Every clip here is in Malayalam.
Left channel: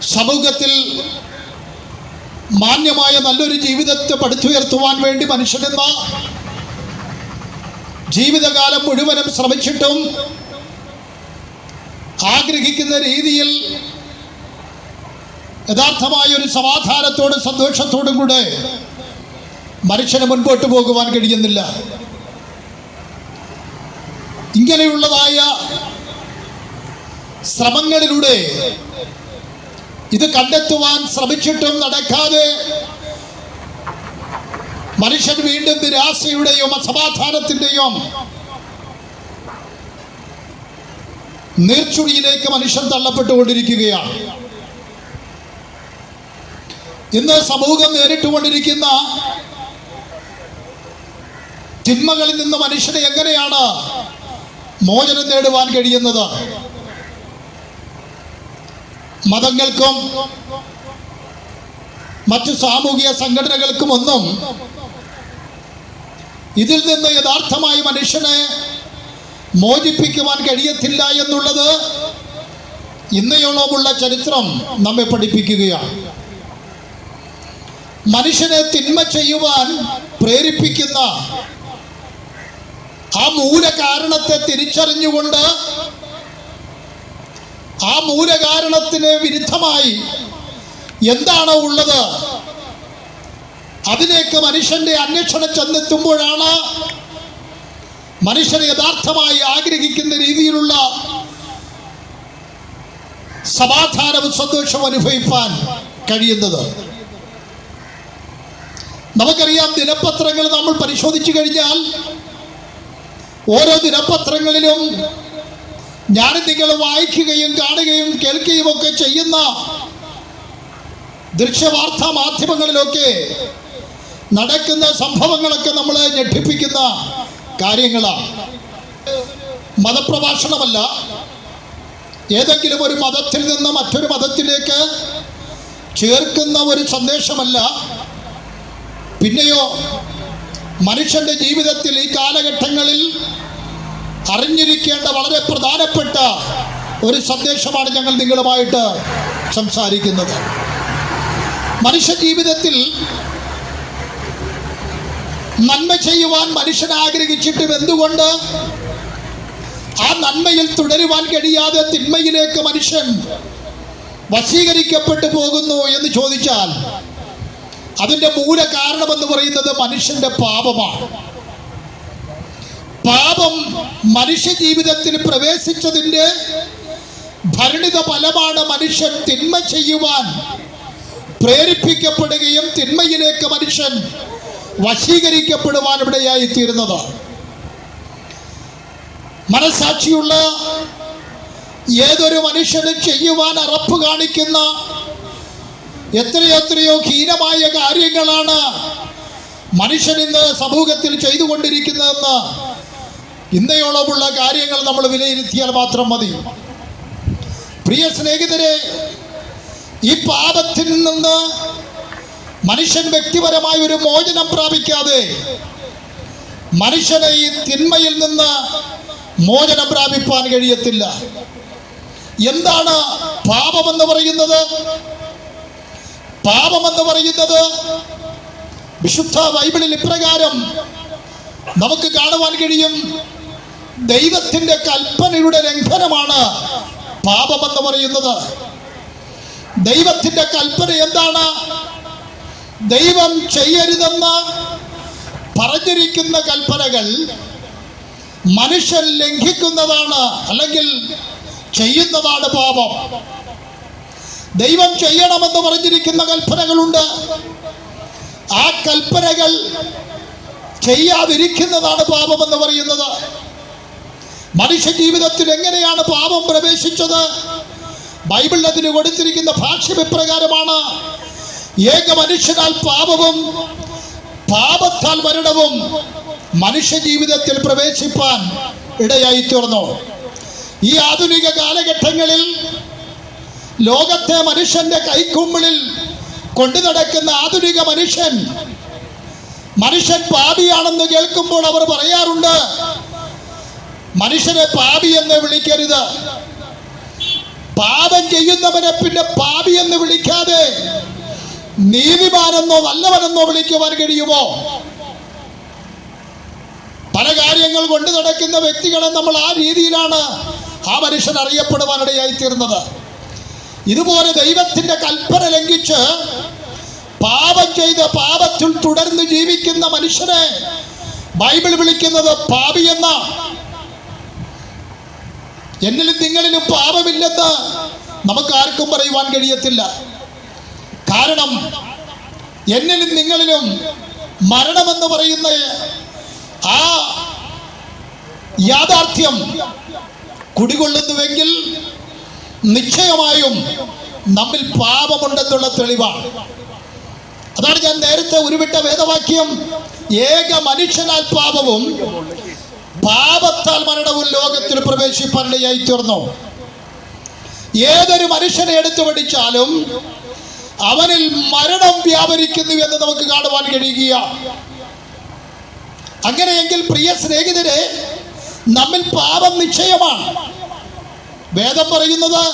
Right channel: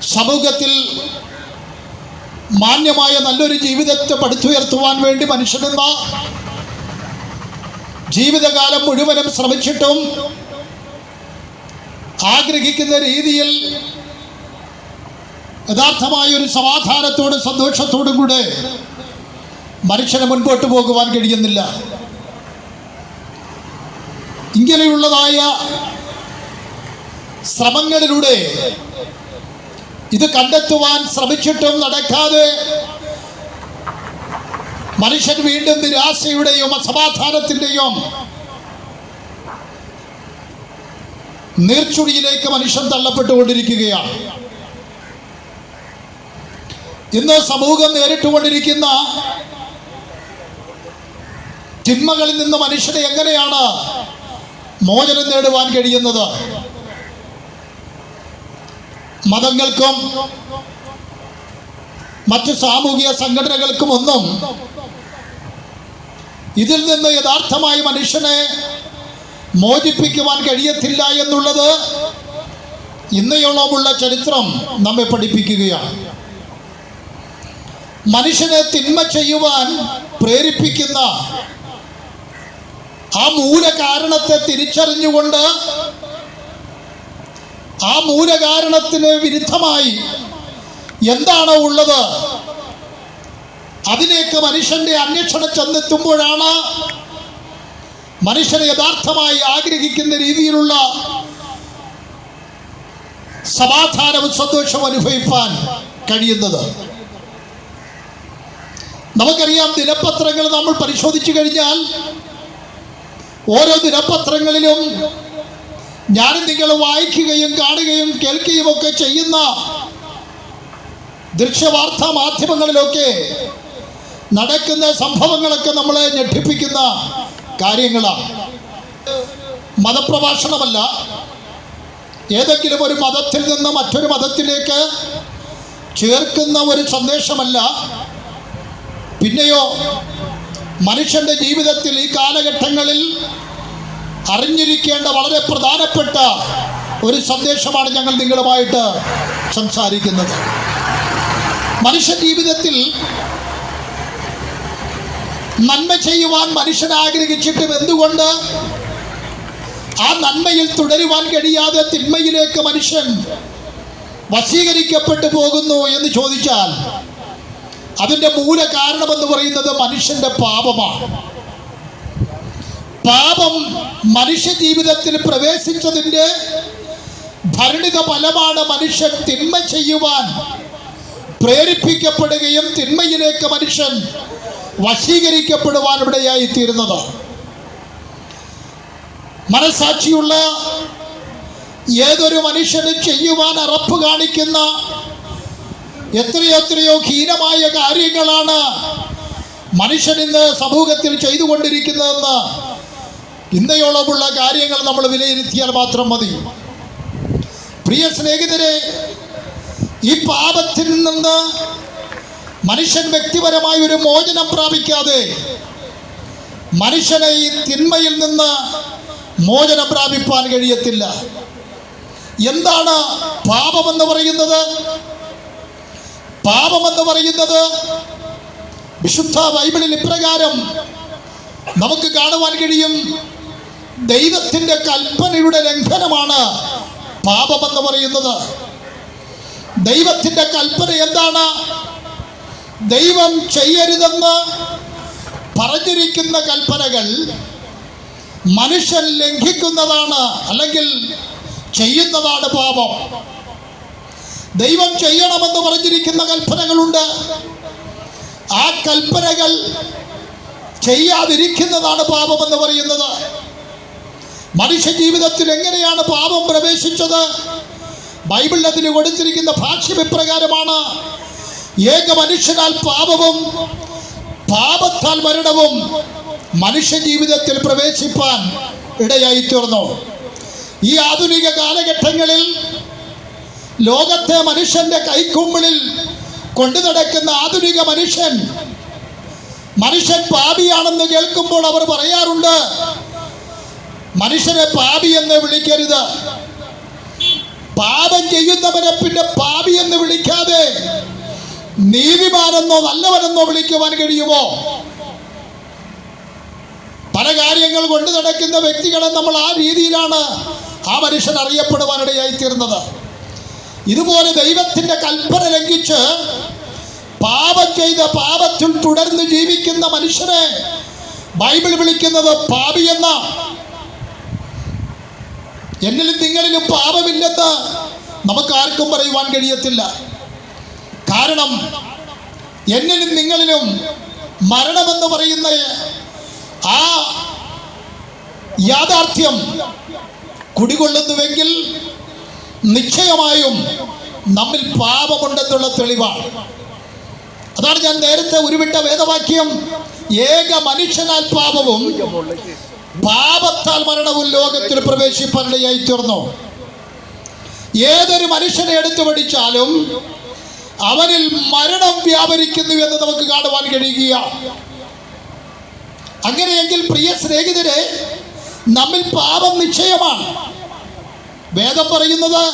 സമൂഹത്തിൽ മാന്യമായ നല്ലൊരു ജീവിതത്തെ പടുത്തുയർത്തുവാൻ വേണ്ടി മനുഷ്യനെന്ന ജീവിതകാലം മുഴുവനും ശ്രമിച്ചിട്ടും ആഗ്രഹിക്കുന്ന രീതിയിൽ യഥാർത്ഥമായ ഒരു സമാധാനത്തോടും സന്തോഷത്തോടും കൂടെ മനുഷ്യന് മുൻപോട്ട് പോകുവാൻ കഴിയുന്നില്ല. ഇങ്ങനെയുള്ളതായ ശ്രമങ്ങളിലൂടെ ഇത് കണ്ടെത്തുവാൻ ശ്രമിച്ചിട്ടും നടക്കാതെ മനുഷ്യൻ വീണ്ടും നിരാശയുടെയും അസമാധാനത്തിന്റെയും നീർച്ചുഴിയിലേക്ക് മനുഷ്യൻ തള്ളപ്പെട്ടുകൊണ്ടിരിക്കുകയാണ്. ഇന്ന് സമൂഹം നേരിട്ടുകൊണ്ടിരിക്കുന്ന തിന്മകളിൽ നിന്ന് മനുഷ്യനെ എങ്ങനെയാണ് മോചനം നേടുവാൻ കഴിയുന്നത്? മതങ്ങൾക്കും മറ്റു സാമൂഹിക സംഘടനകൾക്കും ഒന്നും ഇതിൽ നിന്ന് യഥാർത്ഥമായി മനുഷ്യനെ മോചിപ്പിക്കുവാൻ കഴിയത്തില്ല എന്നുള്ളത് ഇന്നയോളമുള്ള ചരിത്രം നമ്മെ പഠിപ്പിക്കുകയാണ്. മനുഷ്യനെ തിന്മ ചെയ്യുവാൻ പ്രേരിപ്പിക്കുന്ന ആ മൂല കാരണത്തെ തിരിച്ചറിഞ്ഞുകൊണ്ട് ആ മൂലകാരണത്തിന് വിരുദ്ധമായി എന്താണോ ഉള്ളത്? അതിലേക്ക് മനുഷ്യന്റെ അന്വേഷണം ചെന്നെത്തുമ്പോഴാണ് മനുഷ്യനെ യഥാർത്ഥമായി ആഗ്രഹിക്കുന്ന രീതിയിലുള്ള സമാധാനവും സന്തോഷവും അനുഭവിപ്പാൻ കഴിയുന്നത്. നമുക്കറിയാം ദിനപത്രങ്ങൾ നമ്മൾ പരിശോധിച്ചു കഴിഞ്ഞാൽ ഓരോ ദിനപത്രങ്ങളിലും ഞാനും നിങ്ങൾ വായിക്കുകയും കാണുകയും കേൾക്കുകയും ഒക്കെ ചെയ്യുന്ന ദൃശ്യവാർത്താ മാധ്യമങ്ങളിലൊക്കെ നടക്കുന്ന സംഭവങ്ങളൊക്കെ നമ്മളെ ഞെട്ടിപ്പിക്കുന്ന കാര്യങ്ങളാണ്. മതപ്രഭാഷണമല്ല. ഏതെങ്കിലും ഒരു മതത്തിൽ നിന്ന് മറ്റൊരു മതത്തിലേക്ക് ചേർക്കുന്ന ഒരു സന്ദേശമല്ല. പിന്നെയോ മനുഷ്യന്റെ ജീവിതത്തിൽ ഈ കാലഘട്ടങ്ങളിൽ അറിഞ്ഞിരിക്കേണ്ട വളരെ പ്രധാനപ്പെട്ട ഒരു സന്ദേശമാണ് ഞങ്ങൾ നിങ്ങളുമായിട്ട് സംസാരിക്കുന്നത്. മനുഷ്യ ജീവിതത്തിൽ നന്മ ചെയ്യുവാൻ മനുഷ്യൻ ആഗ്രഹിച്ചിട്ടും എന്തുകൊണ്ട് ആ നന്മയിൽ തുടരുവാൻ കഴിയാതെ തിന്മയിലേക്ക് മനുഷ്യൻ വശീകരിക്കപ്പെട്ടു പോകുന്നു എന്ന് ചോദിച്ചാൽ അതിന്റെ മൂല കാരണമെന്ന് പറയുന്നത് മനുഷ്യന്റെ പാപമാണ്. പാപം മനുഷ്യ ജീവിതത്തിൽ പ്രവേശിച്ചതിന്റെ ഭരണിത ഫലമാണ് മനുഷ്യൻ തിന്മ ചെയ്യുവാൻ പ്രേരിപ്പിക്കപ്പെടുകയും തിന്മയിലേക്ക് മനുഷ്യൻ വശീകരിക്കപ്പെടുവാൻ ഇവിടെയായി തീരുന്നത് മനസാക്ഷിയുള്ള ഏതൊരു മനുഷ്യന് ചെയ്യുവാൻ അറപ്പ് കാണിക്കുന്ന എത്രയെത്രയോ ഹീനമായ കാര്യങ്ങളാണ് മനുഷ്യൻ ഇന്ന് സമൂഹത്തിൽ ചെയ്തുകൊണ്ടിരിക്കുന്നതെന്ന് ഇന്നയോളമുള്ള കാര്യങ്ങൾ നമ്മൾ വിലയിരുത്തിയാൽ മാത്രം മതി. പ്രിയ സ്നേഹിതരെ ഈ പാപത്തിൽ നിന്ന് മനുഷ്യൻ വ്യക്തിപരമായ ഒരു മോചനം പ്രാപിക്കാതെ മനുഷ്യനെ ഈ തിന്മയിൽ നിന്ന് മോചനം പ്രാപിപ്പാൻ കഴിയത്തില്ല. എന്താണ് പാപമെന്ന് പറയുന്നത്? പാപമെന്ന് പറയുന്നത് വിശുദ്ധ ബൈബിളിൽ ഇപ്രകാരം നമുക്ക് കാണുവാൻ കഴിയും. ദൈവത്തിന്റെ കൽപ്പനയുടെ ലംഘനമാണ് പാപമെന്ന് പറയുന്നത്. ദൈവത്തിന്റെ കൽപ്പന എന്താണ്? ദൈവം ചെയ്യരുതെന്ന് പറഞ്ഞിരിക്കുന്ന കൽപ്പനകൾ മനുഷ്യൻ ലംഘിക്കുന്നതാണ് അല്ലെങ്കിൽ ചെയ്യുന്നതാണ് പാപം. ദൈവം ചെയ്യണമെന്ന് പറഞ്ഞിരിക്കുന്ന കൽപ്പനകളുണ്ട്. ആ കൽപ്പനകൾ ചെയ്യാതിരിക്കുന്നതാണ് പാപമെന്ന് പറയുന്നത്. മനുഷ്യ ജീവിതത്തിൽ എങ്ങനെയാണ് പാപം പ്രവേശിച്ചത്? ബൈബിളിൽ അതിന് കൊടുത്തിരിക്കുന്ന ഭാഷ്യം ഇപ്രകാരമാണ് ഏക മനുഷ്യനാൽ പാപവും പാപത്താൽ മരണവും മനുഷ്യ ജീവിതത്തിൽ പ്രവേശിപ്പാൻ ഇടയായി തീർന്നു ഈ ആധുനിക കാലഘട്ടങ്ങളിൽ ലോകത്തെ മനുഷ്യന്റെ കൈക്കുമ്പിളിൽ കൊണ്ടു നടക്കുന്ന ആധുനിക മനുഷ്യൻ മനുഷ്യൻ പാപിയാണെന്ന് കേൾക്കുമ്പോൾ അവർ പറയാറുണ്ട് മനുഷ്യനെ പാപി എന്ന് വിളിക്കരുത്. പാപം ചെയ്യുന്നവനെ പിന്നെ പാപി എന്ന് വിളിക്കാതെ നീതിമാനെന്നോ നല്ലവനെന്നോ വിളിക്കുവാൻ കഴിയുമോ? പല കാര്യങ്ങൾ കൊണ്ട് നടക്കുന്ന വ്യക്തികളെ നമ്മൾ ആ രീതിയിലാണ് ആ മനുഷ്യൻ അറിയപ്പെടുവാനിടയായി തീർന്നത്. ഇതുപോലെ ദൈവത്തിന്റെ കൽപ്പന ലംഘിച്ച് പാപം ചെയ്ത് പാപത്തിൽ തുടർന്ന് ജീവിക്കുന്ന മനുഷ്യനെ ബൈബിൾ വിളിക്കുന്നത് പാപി എന്ന. എന്നിലും നിങ്ങളിലും പാപമില്ലെന്ന് നമുക്ക് ആർക്കും പറയുവാൻ കഴിയത്തില്ല. കാരണം എന്നിലും നിങ്ങളിലും മരണമെന്ന് പറയുന്ന ആ യാഥാർത്ഥ്യം കുടികൊള്ളുന്നുവെങ്കിൽ നിശ്ചയമായും നമ്മിൽ പാപമുണ്ടെന്നുള്ള തെളിവാണ് അതാണ് ഞാൻ നേരത്തെ ഉരുവിട്ട വേദവാക്യം. ഏക മനുഷ്യനാൽ പാപവും പാപത്താൽ മരണവും ലോകത്തിൽ പ്രവേശിപ്പാനിടയായി തീർന്നു. ഏതൊരു മനുഷ്യനെ എടുത്തു പഠിച്ചാലും അവനിൽ മരണം വ്യാപരിക്കുന്നു എന്ന് നമുക്ക് കാണുവാൻ കഴിയുക അങ്ങനെയെങ്കിൽ പ്രിയ സ്നേഹിതരെ നമ്മിൽ പാപം നിശ്ചയമാണ്. വേദം പറയുന്നത്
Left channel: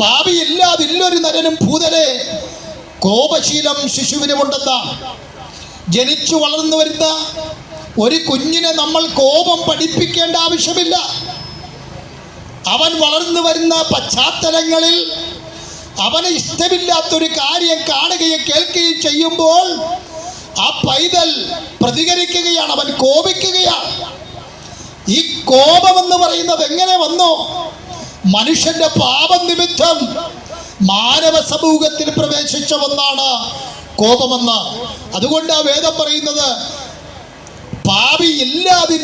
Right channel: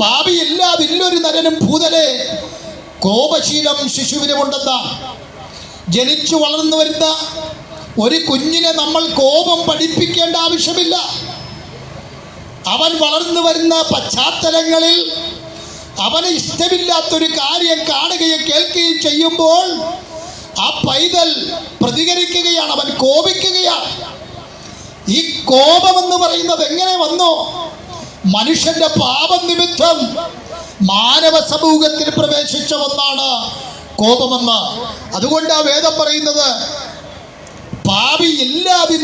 പാപിയില്ലാതില്ലൊരു നരനും ഭൂതലെ കോപശീലം ശിശുവിനുമുണ്ടെന്ന. ജനിച്ചു വളർന്നു വരുന്ന ഒരു കുഞ്ഞിനെ നമ്മൾ കോപം പഠിപ്പിക്കേണ്ട ആവശ്യമില്ല. അവൻ വളർന്നു വരുന്ന പശ്ചാത്തലങ്ങളിൽ അവന് ഇഷ്ടമില്ലാത്തൊരു കാര്യം കാണുകയും കേൾക്കുകയും ചെയ്യുമ്പോൾ ആ പൈതൽ പ്രതികരിക്കുകയാണ് അവൻ കോപിക്കുകയാണ്. ഈ കോപം എന്ന് പറയുന്നത് എങ്ങനെ വന്നു? മനുഷ്യന്റെ പാപം നിമിത്തം മാനവ സമൂഹത്തിൽ പ്രവേശിച്ച ഒന്നാണ് കോപമെന്ന്. അതുകൊണ്ട് ആ വേദം പറയുന്നത്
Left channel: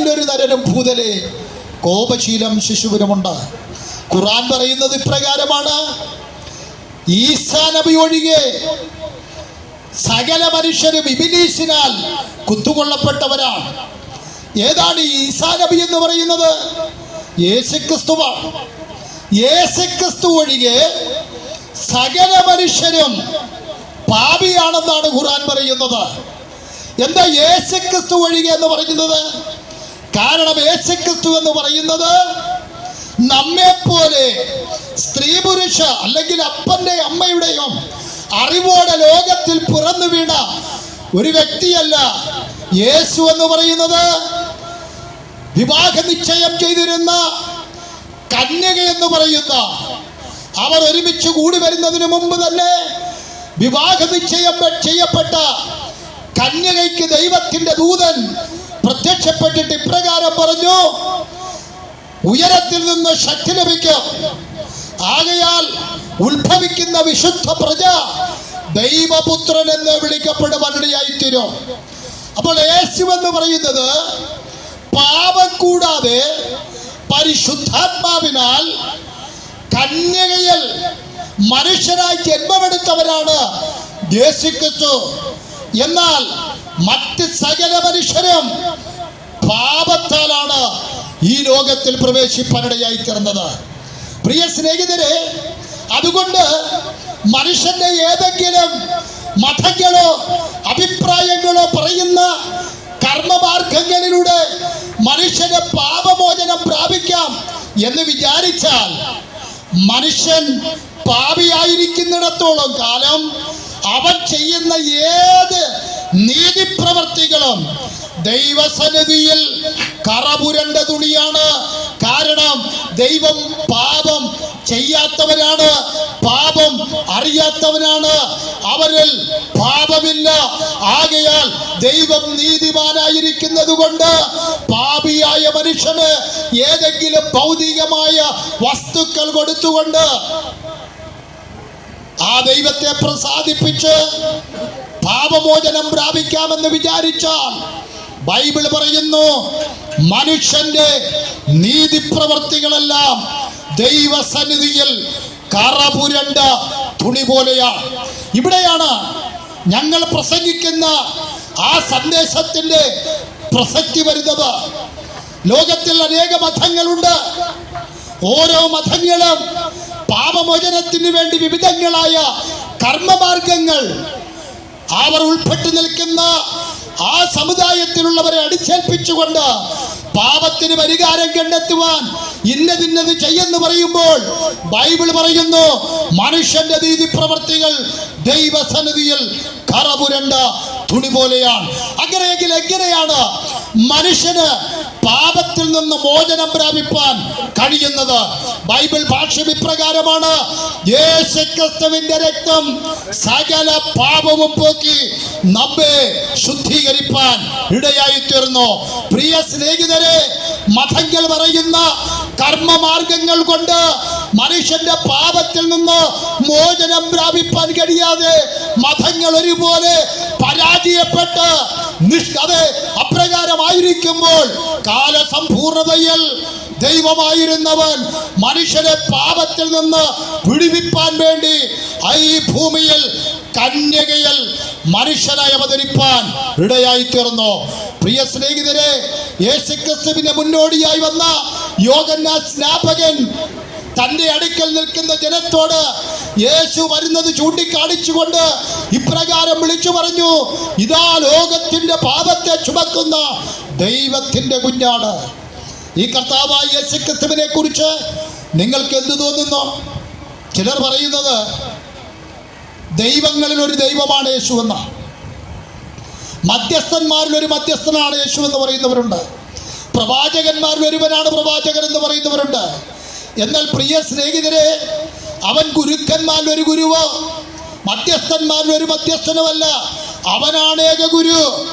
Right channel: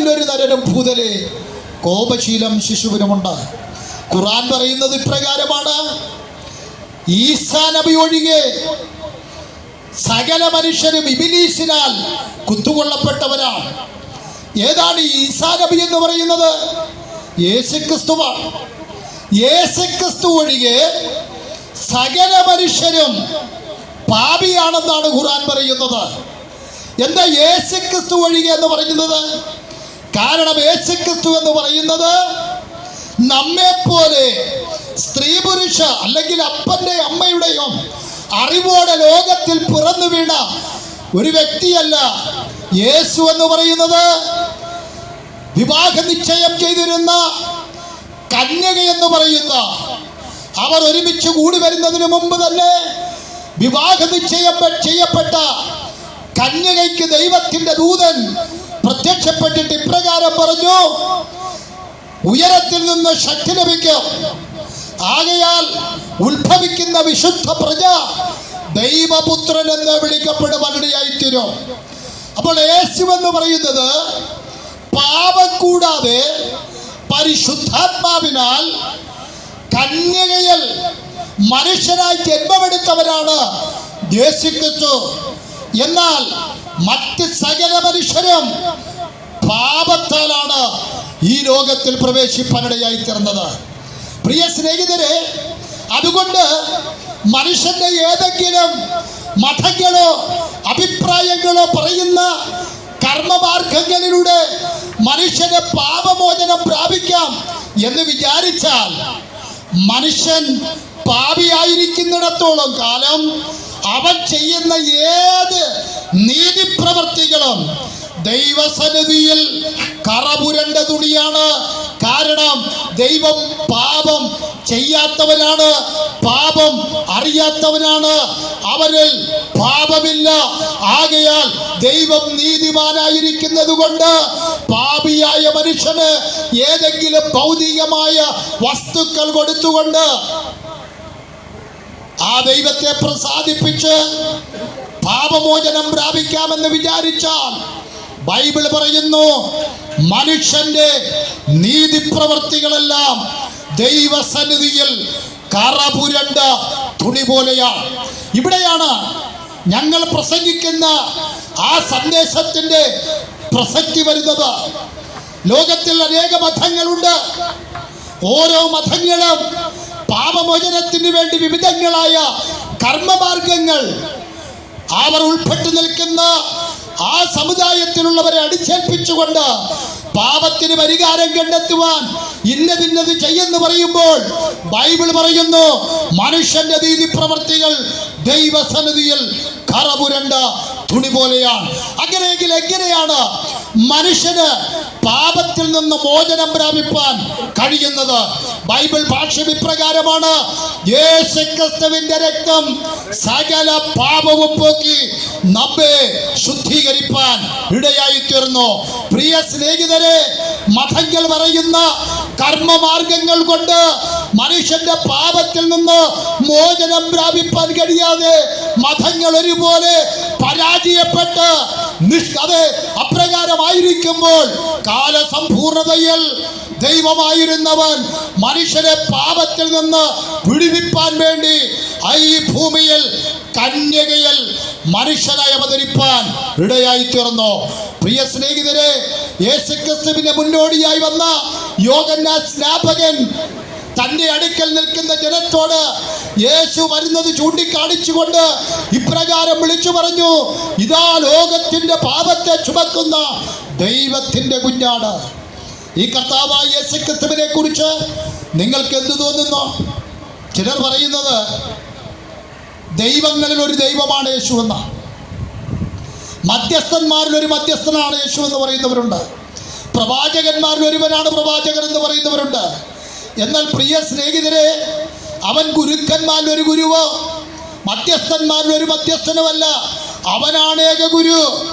ഒരു നരനും ഭൂതലെ. കോപശീലം ശിശുവിനുമുണ്ട്. ഖുറാൻ പറയുന്നത് ഇപ്രകാരമാണ്. ഈസാ നബി ഒഴികെ സകല മനുഷ്യരും ഇബിലീസിനാൽ കുത്തുകൊള്ളപ്പെട്ടവരാണ്. ഏതാണ് ഈസാ നബി എന്ന് പറയുന്നത്? യേശുക്രിസ്തുവാണ്. യേശുക്രിസ്തു ഒഴികെ സകല മനുഷ്യരും പാപിയാണെന്നാണ് ഖുറാൻ പറയുന്നത്. എന്താ യേശുക്രിസ്തു ഒഴികെ എന്ന് പറയുന്നത്? കാരണം യേശുക്രിസ്തു എന്ന് പറയുന്നത് നമ്മെ പോലെ സ്ത്രീ പുരുഷ അല്ലെങ്കിൽ അപ്പന്റെ അമ്മയുടെയും അറിവോടെ ലോകത്തിൽ പിറന്നു വീണ ഒരു വ്യക്തിയല്ല യേശു എന്ന് പറയുന്നത്. വിവാഹ നിശ്ചയം ചെയ്തിരുന്ന കന്യക എന്ന് പറയുന്ന അവർ ഒരുമിച്ച് കൂടി വരുന്നതിന് മുമ്പ് തന്നെ വിവാഹ നിശ്ചയം ചെയ്യപ്പെട്ട കന്യകയ്ക്ക് ദൈവത്തിന്റെ ദൂതൻ പ്രത്യക്ഷപ്പെട്ടിട്ട് ഇപ്രകാരം പറഞ്ഞു ഉയരത്തിൽ നിന്ന് ശക്തി ലഭിക്കും. ആകയാൽ ഉത്ഭവിക്കുന്ന വിശുദ്ധ പ്രജ ദൈവപുത്രൻ എന്ന് വിളിക്കപ്പെടുവാനിടയായിത്തീരും അപ്പോൾ യേശു എന്ന് പറയുന്നത് പാപം കൂടാതെ പരിശുദ്ധാത്മാവിനാൽ കന്യകയിൽ മനുഷ്യനായി ജന്മമെടുത്തവരാണ് യേശുക്രിസ്തു. എന്നാൽ മറ്റ് സകല മനുഷ്യരും പാപത്താലാണ് ഈ ലോകത്തിൽ പ്രവേശിപ്പാനിടയായി തീർന്നത് പ്രിയ സ്നേഹിതരെ അതുകൊണ്ട് മനുഷ്യന്റെ ഏതെങ്കിലും മതങ്ങളോ അഭിപ്രായങ്ങളോ പറയുന്ന കർമ്മമാർഗങ്ങളിലൂടെ മനുഷ്യന് പാപമോചനം പ്രാപിക്കാം എന്ന് വിചാരിച്ചാൽ മനുഷ്യൻ പാപിയായിരിക്കുന്നിടത്തോളം കാലം അവൻ ചെയ്യുന്ന ഏത് നീതിപ്രവർത്തികളും ദൈവസന്നിധിയിൽ കറപുരണ്ട തുണിയാണ്. കാരണം ദൈവം പാപം ചെയ്യാത്തവനാണ് പാപം അറിയാത്തവനാണ്. അവരിൽ പാപമില്ല. ആകയാൽ ദൈവം നീതിമാനായിരിക്കുന്നത് കൊണ്ട് പാപിയായ മനുഷ്യന് ഏതെങ്കിലും ഭൗതികമായ വസ്തുക്കൾ കൊടുത്തുകൊണ്ട് ആ ദൈവത്തെ പ്രസാദിപ്പിച്ച് പാപമോചനം പ്രാപിക്കാമെന്ന് വിചാരിച്ചാൽ ബൈബിൾ പറയുന്നു മനുഷ്യന്റെ നീതിപ്രവർത്തികളെല്ലാം ദൈവസന്നിധിയിൽ കറപുരണ്ട തുണി പോലെയാണ്. ഇവിടെയാണ് ഞങ്ങൾ പ്രസംഗിക്കുന്ന ആ സന്ദേശത്തിന്റെ പ്രസക്തി വരുന്നത്. ലോകത്തിൽ അനേക മതങ്ങളുണ്ട്. ഓരോ മതങ്ങളും പാപമോചനത്തിന് വേണ്ടി വിവിധങ്ങളായ കർമ്മമാർഗങ്ങൾ അവർ ഉൾപ്പെട്ടു നിൽക്കുന്ന ആ സമുദായത്തിലുള്ളവരെ അടിച്ചേൽപ്പിച്ചുകൊണ്ട് പാപത്തിന് പരിഹാരം കണ്ടെത്തുവാൻ ഇന്നതിന്നത് ചെയ്യുന്നു പറയുമ്പോൾ ബൈബിൾ പറയുന്നു മനുഷ്യന്റെ നീതി പ്രവർത്തികൾ ദൈവസന്നിധിയിൽ കറപുരണ്ട തുണി പോലെയാണ്. അങ്ങനെയെങ്കിൽ എങ്ങനെയാണ് മനുഷ്യന് പാപത്തിൽ നിന്ന് മോചനം പ്രാപിപ്പാൻ കഴിയുന്നത് ബൈബിൾ ഭാഷ യേശുക്രിസ്തുവിന്റെ രക്തം സകല പാപവും പോക്കി നമ്മെ ശുദ്ധീകരിപ്പാൻ ഇടയായി തീർന്നു പ്രിയ സ്നേഹിതരെ മതങ്ങൾ പറയുന്ന കർമ്മമാർഗങ്ങൾ കൊണ്ട് മനുഷ്യന്റെ പാപത്തിൽ നിന്ന് മോചനം പ്രാപിപ്പാൻ കഴിയാതെ മതങ്ങൾ ഒരുപോലെ പരാജയപ്പെട്ട് അത് അപ്രകാരമായിരിക്കുമ്പോൾ കാലസമ്പൂർണതയിൽ ദൈവമായിരുന്നവൻ മനുഷ്യരെ പാപത്തിൽ നിന്ന് വിടുവിപ്പാൻ വേണ്ടി ഈ ഭൂമിയിൽ കന്യകയിൽ മനുഷ്യനായി അവതരിപ്പാൻ ഇടയായി തീർന്നു പ്രിയ സ്നേഹിതരെ യേശുക്രിസ്തുവിന്റെ മുന്നോടിയായി വന്ന യോഗന്ന സ്നാപകൻ തന്റെ അടുക്കൽ നിൽക്കുന്ന ജനത്തോട് യേശു വരുന്നത് ചൂണ്ടിക്കാണിച്ചുകൊണ്ട് ഇപ്രകാരം വിളിച്ചു പറഞ്ഞു ഇതാ ലോകത്തിന്റെ പാപത്തെ ചുമക്കുന്ന ദൈവത്തിന്റെ കുഞ്ഞാണ്. ഈ കർത്താവായ യേശുക്രിസ്തുവിനെ കുറിച്ച് നിങ്ങൾക്ക് എന്ത് തോന്നുന്നു? ചിലർ പറയുന്നത് ദൈവങ്ങളിൽ ഒരു ദൈവമാണ് യേശു എന്ന. മധ്യസ്ഥന്മാരിൽ ഒരു മധ്യസ്ഥനാണ് യേശു എന്ന് പറയുന്നവരുണ്ട്. പ്രവാചകന്മാരിൽ ഒരുവനാണ് പ്രവാചകൻ എന്ന് പറയുന്നവരുണ്ട്. എന്നാൽ പ്രിയ സ്നേഹിതരെ അവൻ ഗുരുക്കന്മാരിൽ ഒരു ഗുരുവോ? മധ്യസ്ഥന്മാരിൽ ഒരു മധ്യസ്ഥനുമല്ല അവനാണ് ഏക ഗുരു.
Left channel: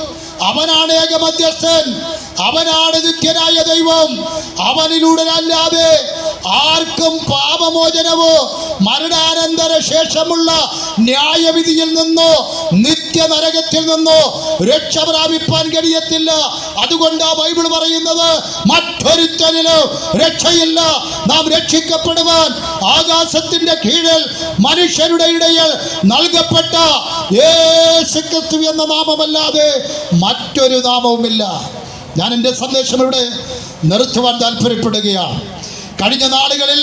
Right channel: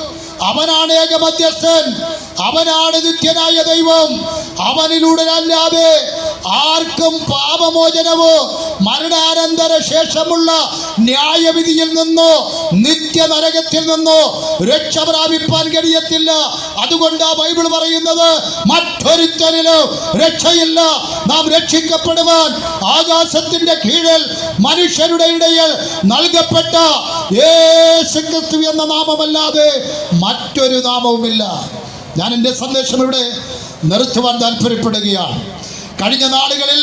അവനാണ് ഏക മധ്യസ്ഥൻ. അവനാണ് നിത്യനായ ദൈവം. അവനിലൂടെ അല്ലാതെ ആർക്കും പാപമോചനവും മരണാനന്തര ശേഷമുള്ള ന്യായവിധിയിൽ നിന്നോ നിത്യ നരകത്തിൽ നിന്നോ രക്ഷ പ്രാപിപ്പാൻ കഴിയത്തില്ല. അതുകൊണ്ട് ബൈബിൾ പറയുന്നത് മറ്റൊരുത്തരിലും രക്ഷയില്ല. നാം രക്ഷിക്കപ്പെടുവാൻ ആകാശത്തിന്റെ കീഴിൽ മനുഷ്യരുടെ ഇടയിൽ നൽകപ്പെട്ട എന്ന നാമമല്ലാതെ മറ്റൊരു നാമവുമില്ല. ഞാൻ എന്റെ സന്ദേശം ഇവിടെ നിർത്തുവാൻ താല്പര്യപ്പെടുകയാണ് കഴിഞ്ഞ നാളുകളിൽ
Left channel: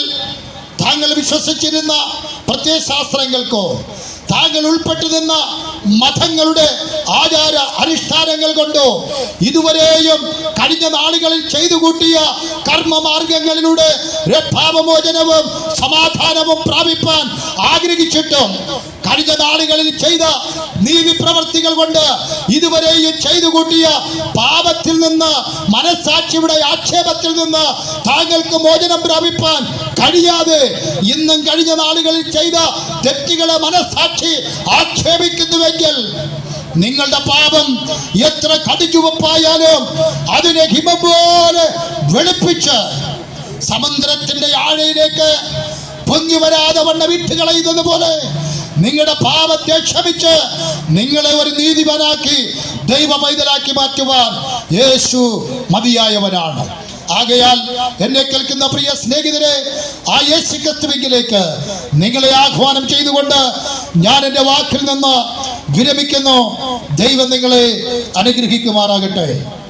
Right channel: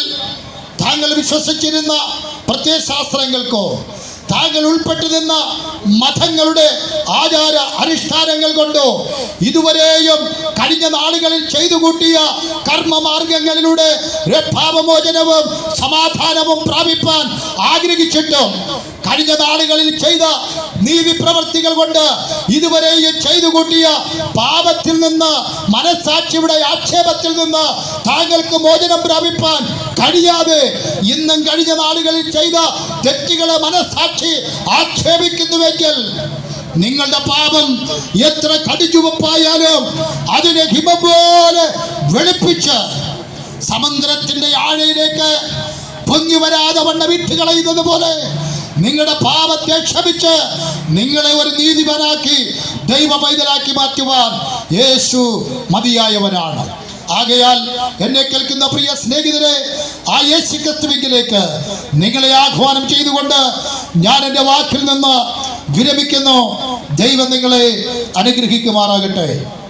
താങ്കൾ വിശ്വസിച്ചിരുന്ന പ്രത്യയശാസ്ത്രങ്ങൾക്കോ താങ്കൾ ഉൾപ്പെട്ടു നിന്ന മതങ്ങളുടെ ആചാര അനുഷ്ഠാനങ്ങൾ കൊണ്ടോ ഇതുവരെയും കഴിഞ്ഞ നാളുകളിൽ ചെയ്തു കൂട്ടിയ കർമ്മമാർഗങ്ങളിലൂടെ രക്ഷാപമോചനവും സമാധാനവും പ്രാപിപ്പാൻ ആഗ്രഹിച്ചിട്ടും കഴിഞ്ഞ നാളുകളിൽ ചെയ്ത നീതി പ്രവർത്തികൾ കൊണ്ട് ഇതുവരെയും ചെയ്തു കൂട്ടിയ പാപത്തിൽ നിന്ന് മനസ്സാക്ഷിയുടെ ആക്ഷേപത്തിൽ നിന്ന് താങ്കൾക്ക് മോചനം പ്രാപിപ്പാൻ കഴിയാതെ ഇന്നും കഴിഞ്ഞ നാളുകളിൽ ചെയ്ത തെറ്റുകളെ മനസാക്ഷി ആക്ഷേപിക്കുന്നുവെങ്കിൽ നിങ്ങളുടെ പാപം എത്ര കടിച്ചുവപ്പായാലും അതിനെ ഹിമ പോലെ വെളുപ്പിച്ച് സമുദ്രത്തിന്റെ ആഴയിലേക്ക് പൊങ്ങി വരാതെ വണ്ണ വിട്ട് കളയുന്നത് പോലെ നിങ്ങളുടെ പാപത്തെ ക്ഷമിച്ച് നിങ്ങളെ ഒരു നീതിമാനാക്കി ദൈവ പൈതലാക്കി മാറ്റുവാൻ യേശു മതിയായവനാണ്. ആകയാൽ എന്നെ കേൾക്കുന്ന പ്രിയ സ്നേഹിതരെ ആ യേശു നിങ്ങളെ ആഹ്വാനം ചെയ്തുകൊണ്ട് ഞാൻ എന്റെ വാക്കിൽ നിന്ന് വിരമിക്കുന്നു. ദൈവം നിങ്ങളെ അനുഗ്രഹിക്കുമാറാകട്ടെ.